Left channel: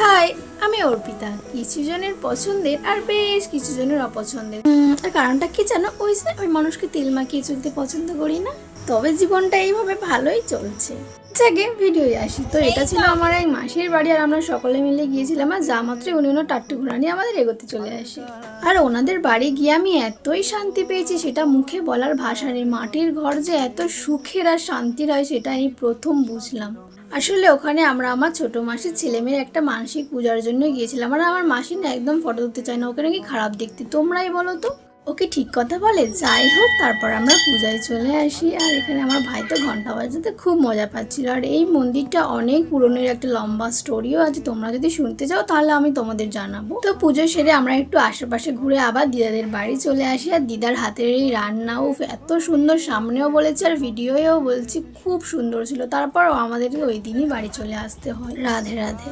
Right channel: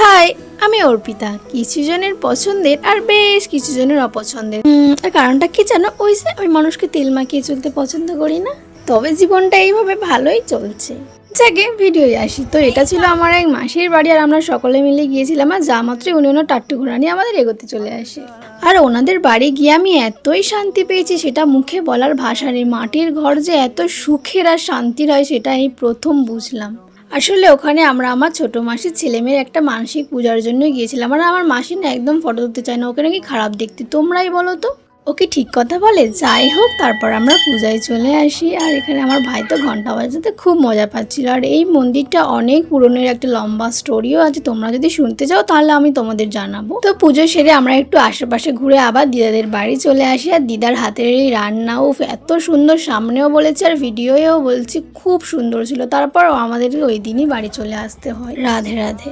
High, আমি অর্পিতা। কিছু জনের পছন্দের আর বেশ কিছু জনের অপছন্দের। আর কারণটা কি জানো? ওই যে আমি মানুষকে তেল মাখিয়ে চলতে পছন্দ করি না। তবে জীবনটা এইভাবে ভালোই চলছে। যাকে ভিডিওয় আসি, তো এটা ছিল আমার এক মাসির বাড়ি, আর আমরা সকলে মিলে গিয়েছিলাম। আর যা মাত্রই উনি ওনার টাট্টু ঘোড়া নিয়ে আমাদের এগোতে চলে আসে। আর ওনাদের বাড়ি গিয়ে আমি এতই শান্তি পেয়েছি, সেটা মুখে বলার ভাষা নেই। মাটির ঘর যে এত সুখের আর শান্তির হয়, সেটা আমি প্রথম বুঝলাম। আসলে ওখানে আমরা আমার ছোট মাসির ছেলেমেয়ের একটা মানসিক পূজার জন্য গিয়েছিলাম। আর আমার মাসি না একদম ফটো তুলতে চায় না, ওকে নাকি খারাপ দেখতে। তোমরাই বলো তো, ও কি ঠিক কথা বলে? যাই হোক, তারপর আমরা পূজায় চলে আসি। আর এখানে আমার ভাই তো ঘন্টা বাজাতে খুব মজা পাচ্ছিল। আর এই মন্দিরটা অনেক পুরনো, একটা লম্বা স্টোরিও আছে। তোমরা যদি শুনতে চাও তাহলে আমি তোমাদের জানাবো। তো পুজো সেরে আমরা একটু আশেপাশে ঘুরে আবার দিদাদের বাড়ি চলে আসি। আর দিদার হাতের এই রান্না এত সুন্দর, সামনেও বলেছে আর ভিডিওয়েও বলছি খুব সুন্দর ছিল। তারপর আমাদের ওই দিনই বাড়ি চলে আসতে হয়। রাধে রাধে।